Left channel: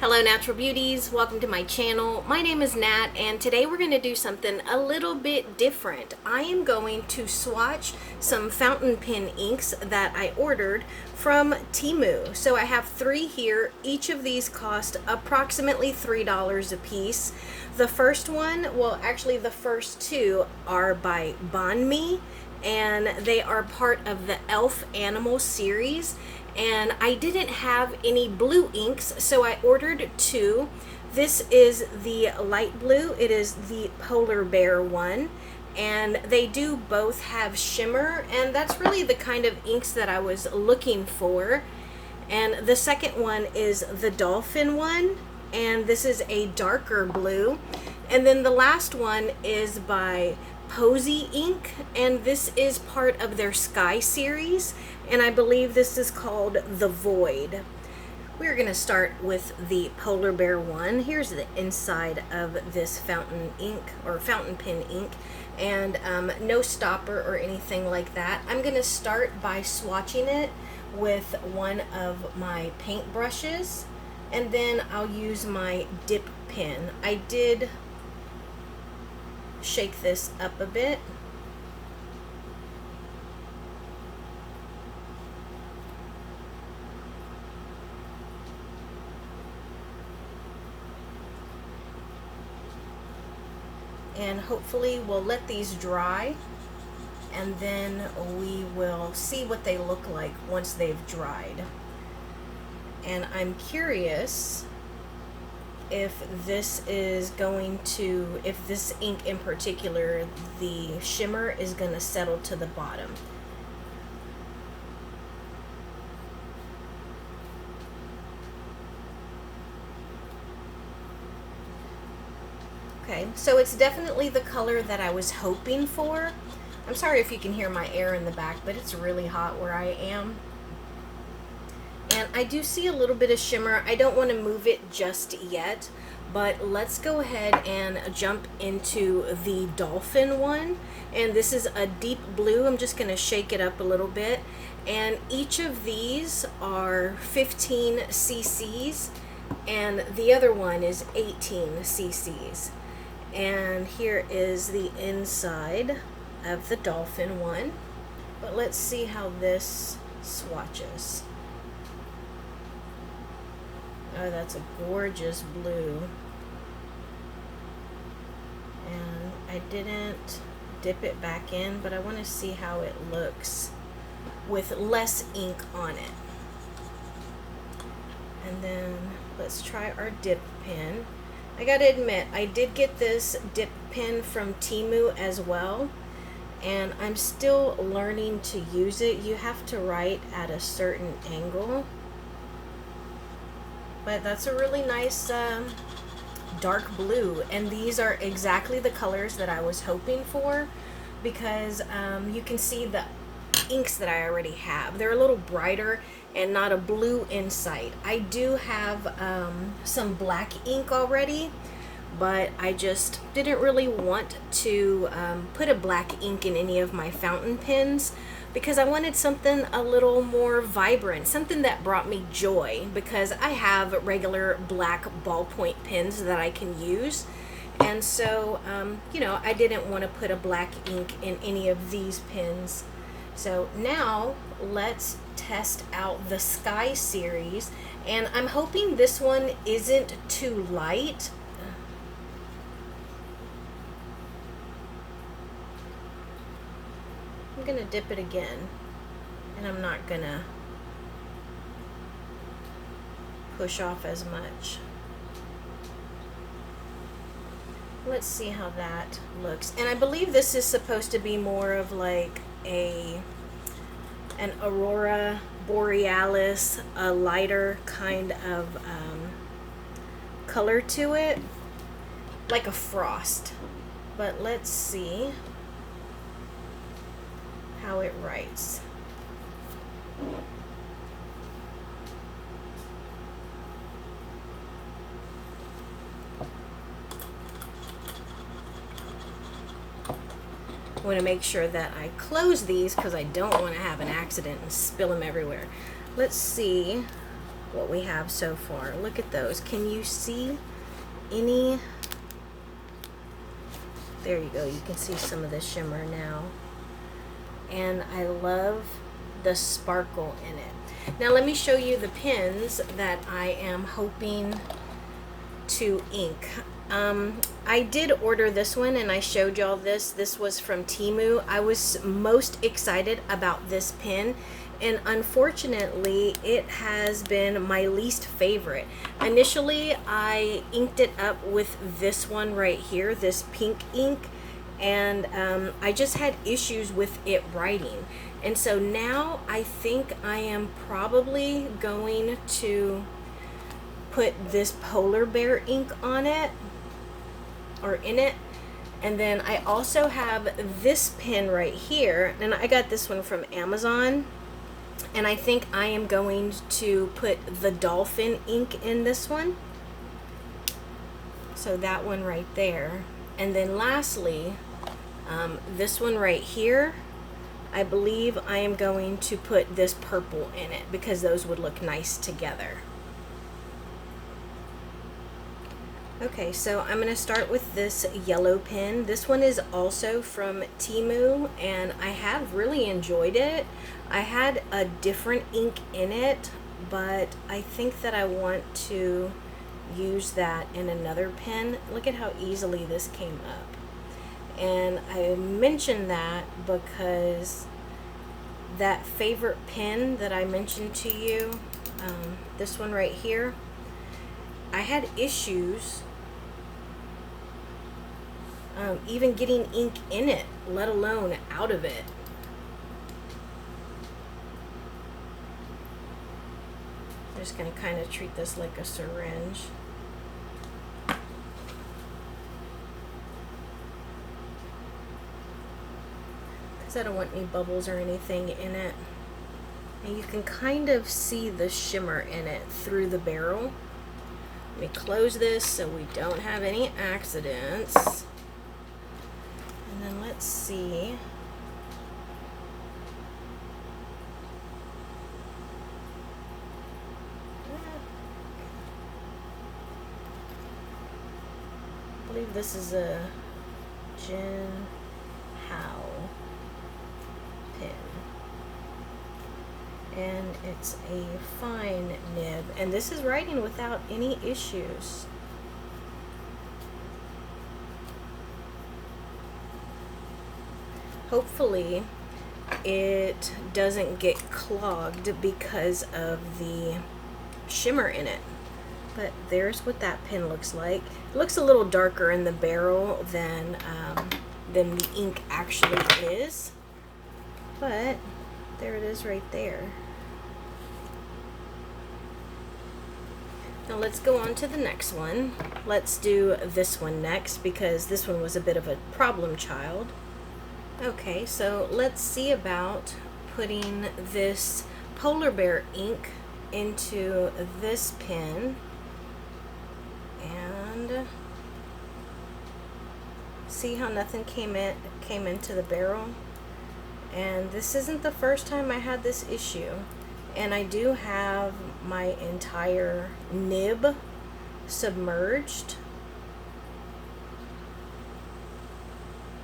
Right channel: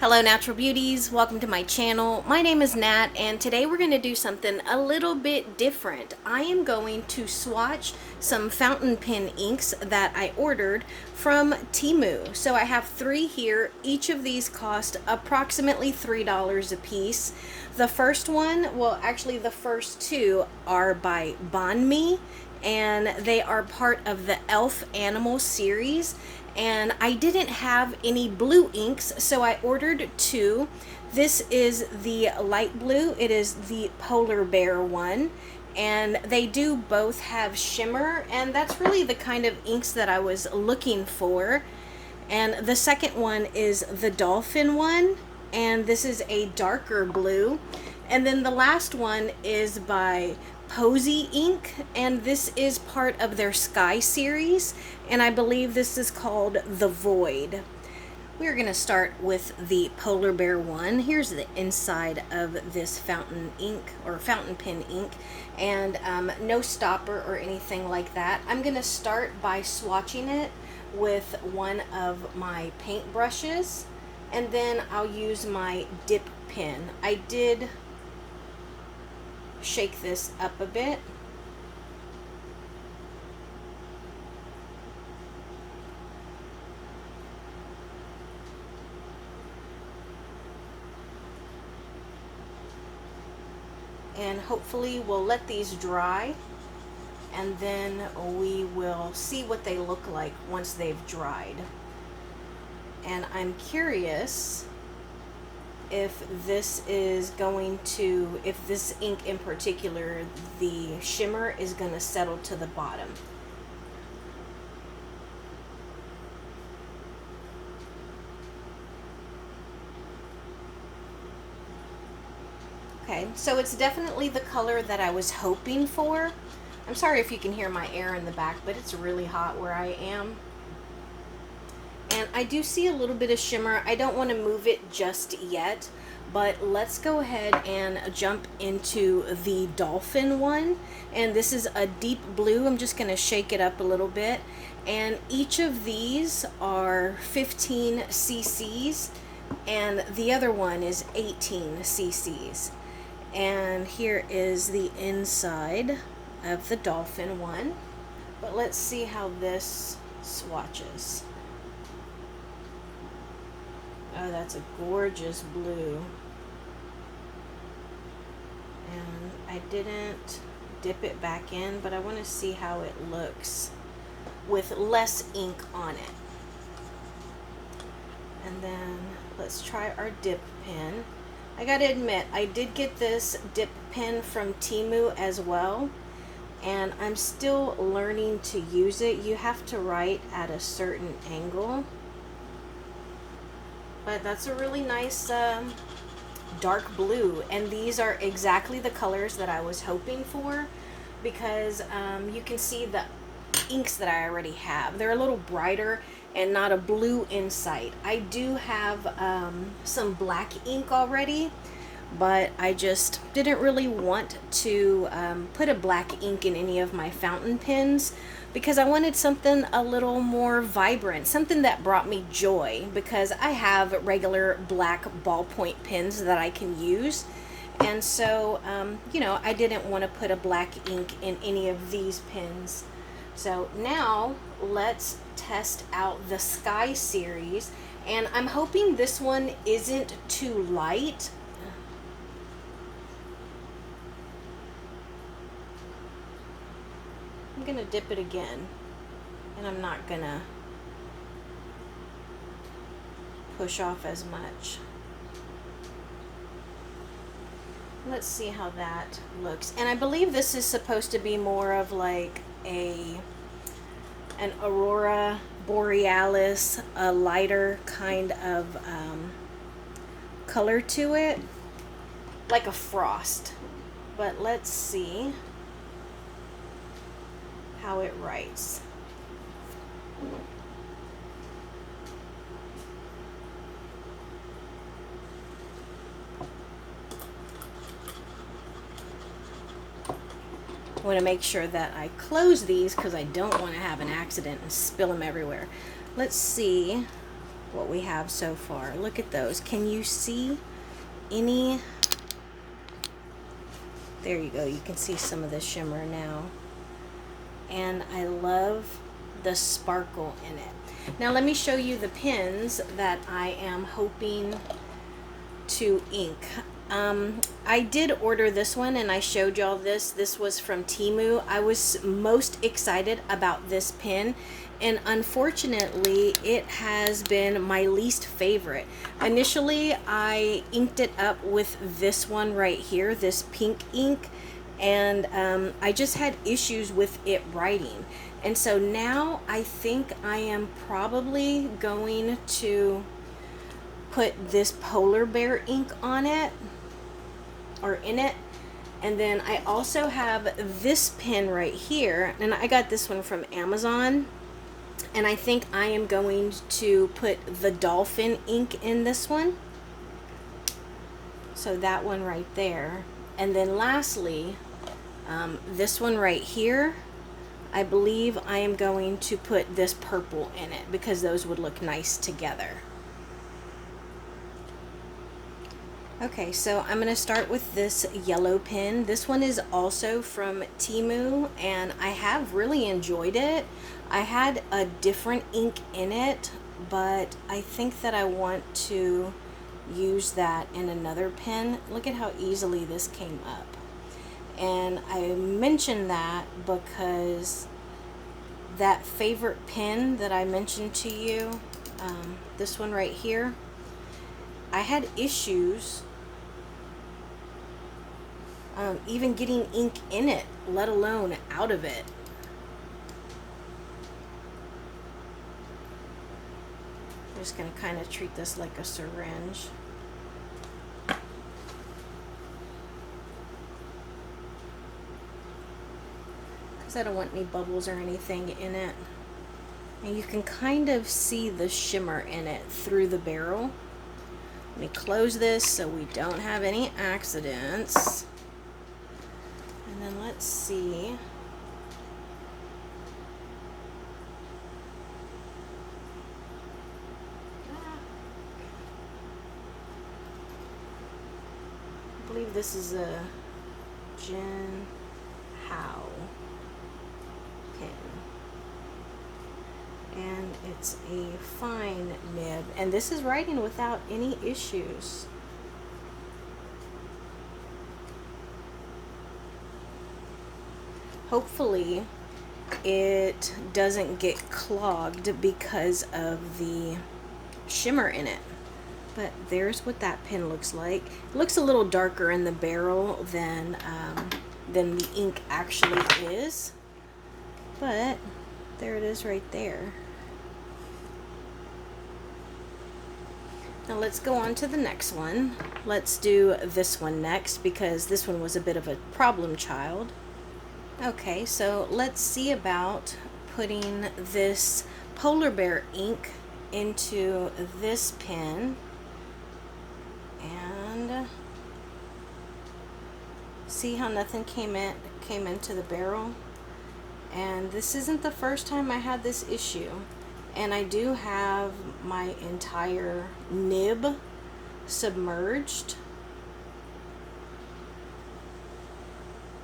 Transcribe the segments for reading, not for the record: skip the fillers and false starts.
Hello Natural Beauties, welcome to my channel. My name is Nat and today we're going to do something a little bit different. I am going to swatch some fountain pen inks that I ordered from Temu. So I have 3 here. Each of these cost approximately $3 a piece. The first one, well actually the first 2 are by Bonme and they are part of the Elf Animal series. And I didn't have any blue inks, so I ordered 2. This is the light blue. It is the polar bear one, and they do both have shimmer, and that's really the kind of inks that I was looking for. And the second one is the dolphin one, and this is a darker blue. And then the last one is by Posy Ink, and this is part of their Sky series, and I believe this is called The Void. We're going to start with the polar bear one. Here's the inside of this fountain ink or fountain pen ink, and no stopper or anything like that. I'm going to start by swatching it with one of my paint brushes, and then I'll use my dip pen. I did shake this up a bit. And hopefully we'll let these dry, and then we will see what they look like once they've dried. And I'm curious if this is going to, if this ink in particular, the shimmer is going to settle to the bottom. Okay, so it's definitely the color that I was hoping for. I'm sorry if you can hear my air in the back, but it's really hot where I am. And I do see a little bit of shimmer. I don't want to move it just yet, but let's go ahead and jump into the dolphin one. And this is a deep blue. I'm just going to shake it up a little bit. And each of these are 15 cc's, and the other one is 18 cc's. And here is the inside of the dolphin one. But let's see how this swatches. Oh, that's a gorgeous blue. And I didn't dip it back in, but I want to see how it looks with less ink on it. And then let's try our dip pen. I gotta admit, I did get this dip pen from Temu as well, and I'm still learning to use it. You have to write at a certain angle. But that's a really nice dark blue, and these are exactly the colors that I was hoping for, because you can see the inks that I already have. They're a little brighter and not a blue inside. I do have some black ink already, but I just didn't really want to put a black ink in any of my fountain pens, because I wanted something a little more vibrant, something that brought me joy, because I have regular black ballpoint pens that I can use. And so, you know, I didn't want to put a black ink in any of these pens. So now let's test out the Sky series, and I'm hoping this one isn't too light. I'm gonna dip it again, and I'm not gonna push off as much. Let's see how that looks. And I believe this is supposed to be more of like an aurora borealis, a lighter kind of color to it, like a frost. But let's see how it writes. I want to make sure that I close these because I don't want to have an accident and spill them everywhere. Let's see what we have so far. Look at those. Can you see any? There you go. You can see some of the shimmer now. And I love the sparkle in it. Now let me show you the pens that I am hoping to ink. I did order this one and I showed y'all this. This was from Temu. I was most excited about this pen, and unfortunately it has been my least favorite. Initially I inked it up with this one right here, this pink ink, and I just had issues with it writing. And so now I think I am probably going to put this polar bear ink on it, or in it. And then I also have this pen right here, and I got this one from Amazon, and I think I am going to put the dolphin ink in this one. So that one right there. And then lastly, this one right here, I believe I am going to put this purple in it because those would look nice together. Okay, so I'm going to start with this yellow pen. This one is also from Temu, and I have really enjoyed it. I had a different ink in it, but I think that I want to use that in another pen. Look at how easily this came up. And I mentioned that because that favorite pen that I mentioned to you, this one right here, I had issues even getting ink in it, let alone out of it. I'm just going to kind of treat this like a syringe. Because I don't want any bubbles or anything in it. And you can kind of see the shimmer in it through the barrel. Let me close this so we don't have any accidents. And then let's see. I believe this is a Jin Hao pen. And it's a fine nib, and this is writing without any issues. Hopefully it doesn't get clogged because of the shimmer in it. But there's what that pen looks like. It looks a little darker in the barrel than the ink actually is, but there it is right there. Now let's go on to the next one. Let's do this one next because this one was a bit of a problem child. Okay, so let's see about putting this polar bear ink into this pen and see how nothing came into the barrel. And this isn't the first time I had this issue, and I do have my entire nib submerged.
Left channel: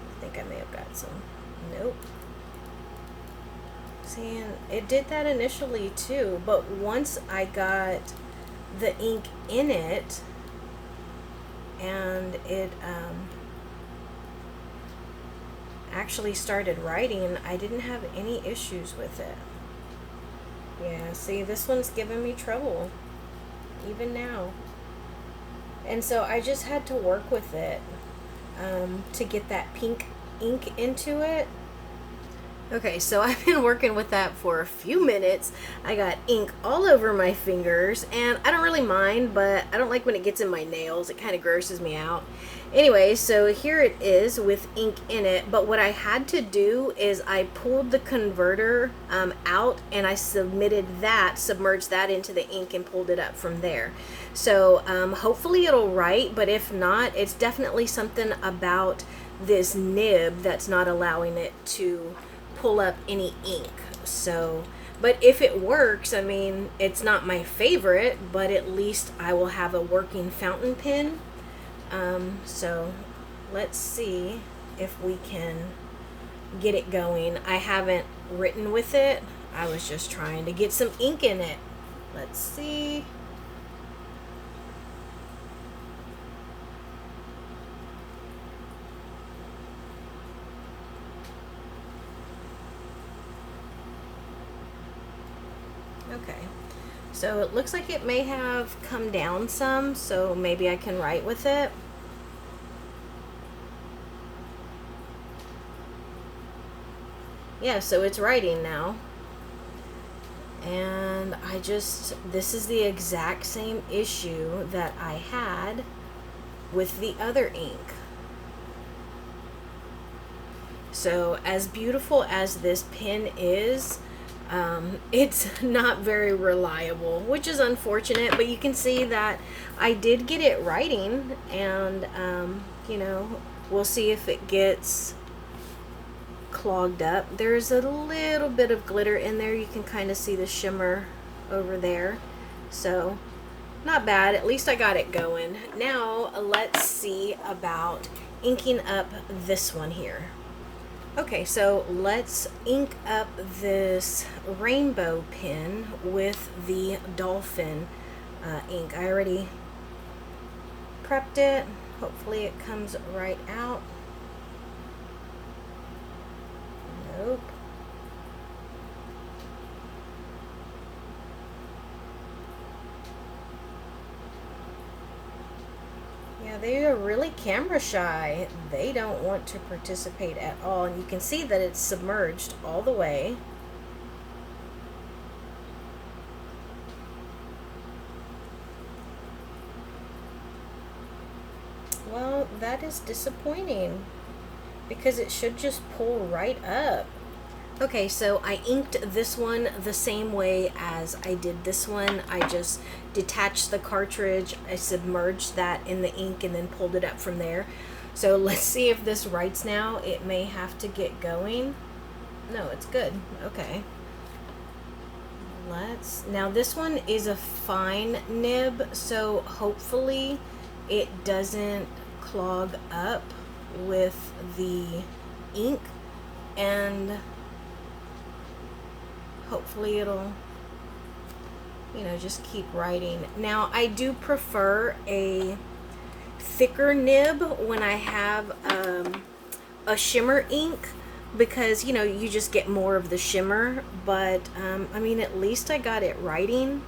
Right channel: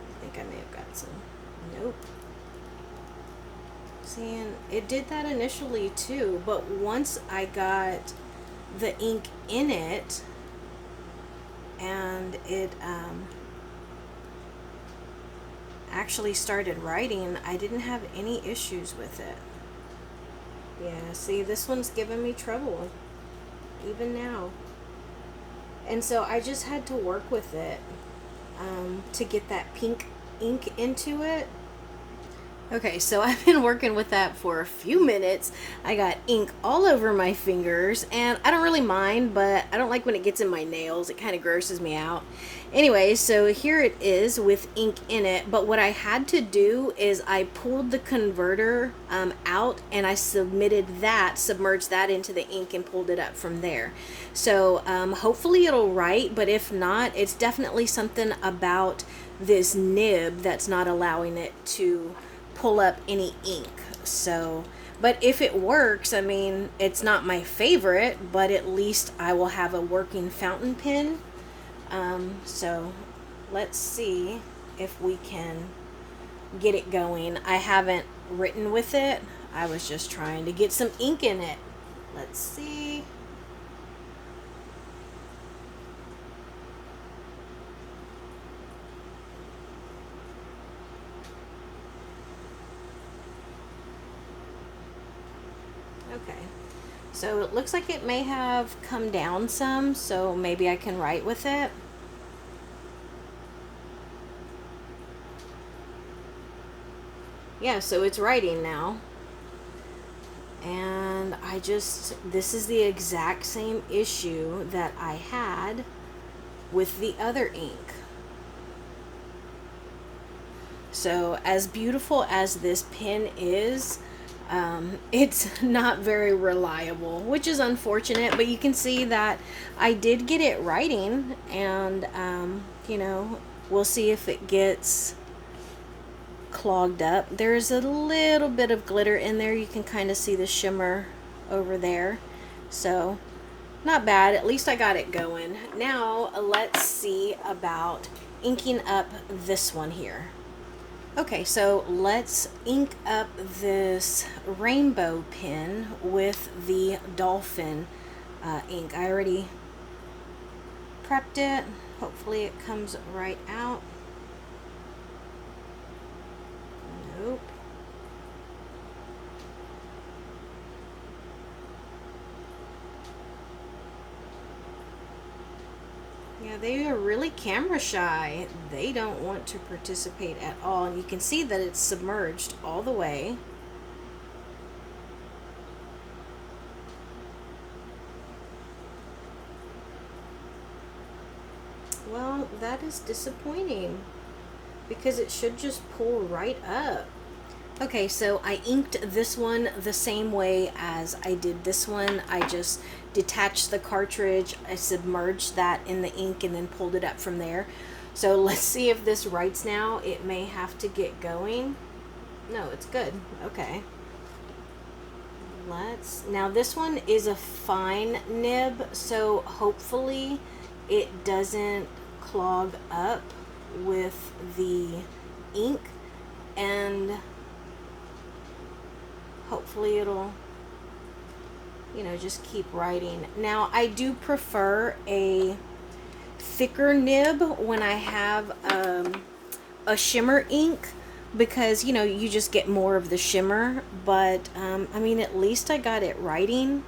I think I may have got some. Nope. See, and it did that initially too, but once I got the ink in it and it actually started writing, I didn't have any issues with it. Yeah, see, this one's giving me trouble even now, and so I just had to work with it to get that pink ink into it. Okay, so I've been working with that for a few minutes. I got ink all over my fingers, and I don't really mind, but I don't like when it gets in my nails. It kind of grosses me out. Anyway, so here it is with ink in it, but what I had to do is I pulled the converter out, and I submerged that into the ink and pulled it up from there. So hopefully it'll write, but if not, it's definitely something about this nib that's not allowing it to pull up any ink. So But if it works, I mean, it's not my favorite, but at least I will have a working fountain pen. So let's see if we can get it going. I haven't written with it. I was just trying to get some ink in it. Let's see. Okay, so it looks like it may have come down some, so maybe I can write with it. Yeah, so it's writing now. And this is the exact same issue that I had with the other ink. So as beautiful as this pen is, it's not very reliable, which is unfortunate, but you can see that I did get it writing, and you know, we'll see if it gets clogged up. There's a little bit of glitter in there. You can kind of see the shimmer over there. So not bad. At least I got it going. Now let's see about inking up this one here. Okay, so let's ink up this rainbow pen with the dolphin ink. I already prepped it. Hopefully it comes right out. Nope. Yeah, they are really camera shy. They don't want to participate at all. And you can see that it's submerged all the way. Well, that is disappointing, because it should just pull right up. Okay, so I inked this one the same way as I did this one. I just detached the cartridge, I submerged that in the ink, and then pulled it up from there. So let's see if this writes now. It may have to get going. No, it's good. Okay. Now this one is a fine nib, so hopefully it doesn't clog up with the ink, and hopefully it'll, you know, just keep writing. Now I do prefer a thicker nib when I have a shimmer ink, because, you know, you just get more of the shimmer. But I mean, at least I got it writing.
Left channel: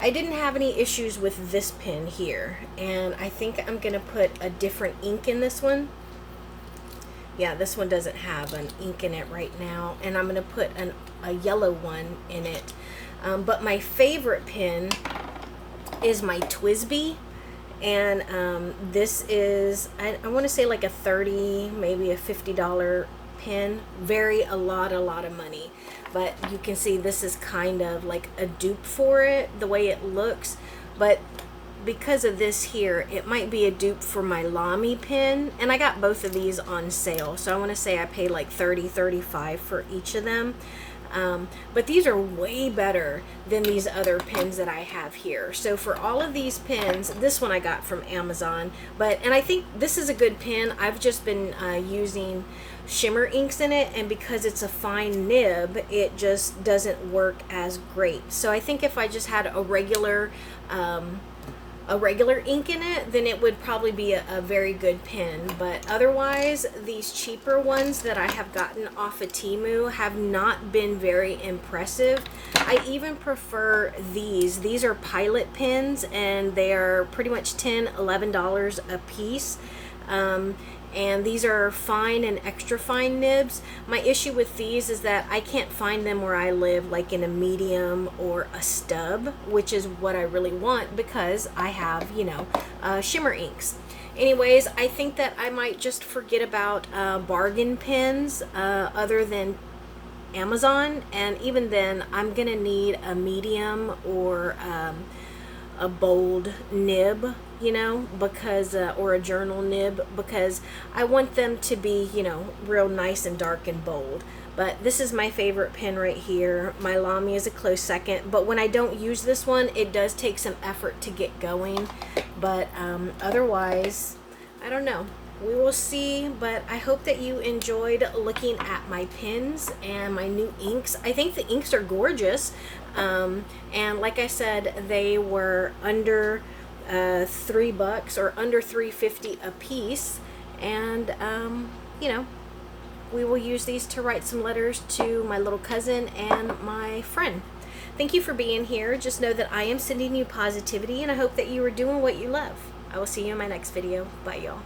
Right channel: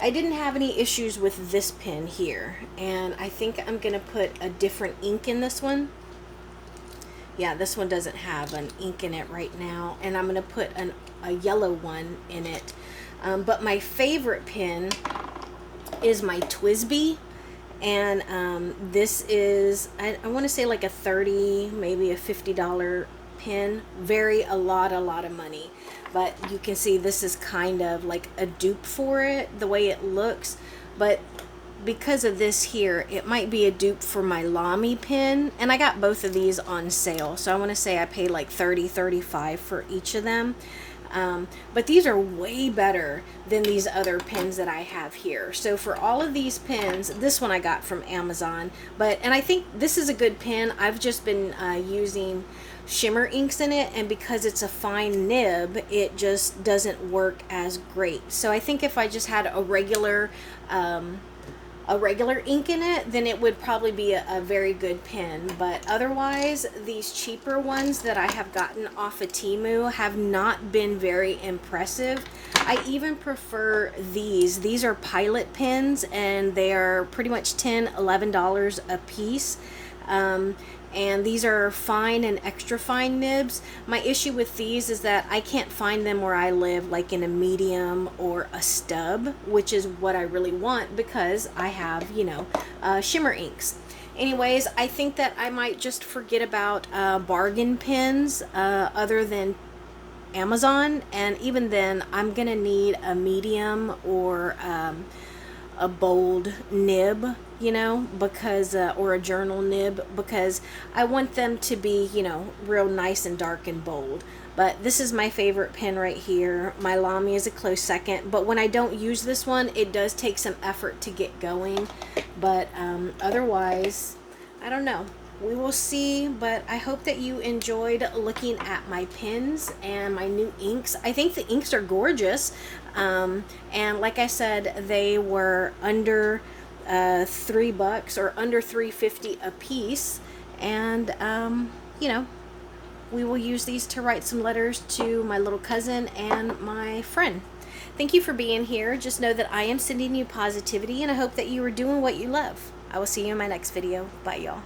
I didn't have any issues with this pen here, and I think I'm gonna put a different ink in this one. Yeah, this one doesn't have an ink in it right now, and I'm gonna put a yellow one in it. But my favorite pen is my TWSBI, and this is, I want to say like a $30, maybe a $50 pen. A lot of money. But you can see this is kind of like a dupe for it, the way it looks. But because of this here, it might be a dupe for my Lamy pen, and I got both of these on sale. So I want to say I paid like $30, $35 for each of them. But these are way better than these other pens that I have here. So for all of these pens, this one I got from Amazon, and I think this is a good pen. I've just been using shimmer inks in it, and because it's a fine nib, it just doesn't work as great. So I think if I just had a regular ink in it, then it would probably be a very good pen. But otherwise, these cheaper ones that I have gotten off of Temu have not been very impressive. I even prefer these. These are Pilot pens, and they are pretty much $10, $11 a piece. And these are fine and extra fine nibs. My issue with these is that I can't find them where I live, like in a medium or a stub, which is what I really want, because I have, you know, shimmer inks. Anyways, I think that I might just forget about bargain pens other than Amazon, and even then I'm gonna need a medium or a bold nib, you know, because or a journal nib, because I want them to be, you know, real nice and dark and bold. But this is my favorite pen right here. My Lamy is a close second, but when I don't use this one, it does take some effort to get going. But otherwise, I don't know. We will see, but I hope that you enjoyed looking at my pens and my new inks. I think the inks are gorgeous. And like I said, they were under $3 or under $3.50 a piece. And, you know, we will use these to write some letters to my little cousin and my friend. Thank you for being here. Just know that I am sending you positivity, and I hope that you are doing what you love. I will see you in my next video. Bye, y'all.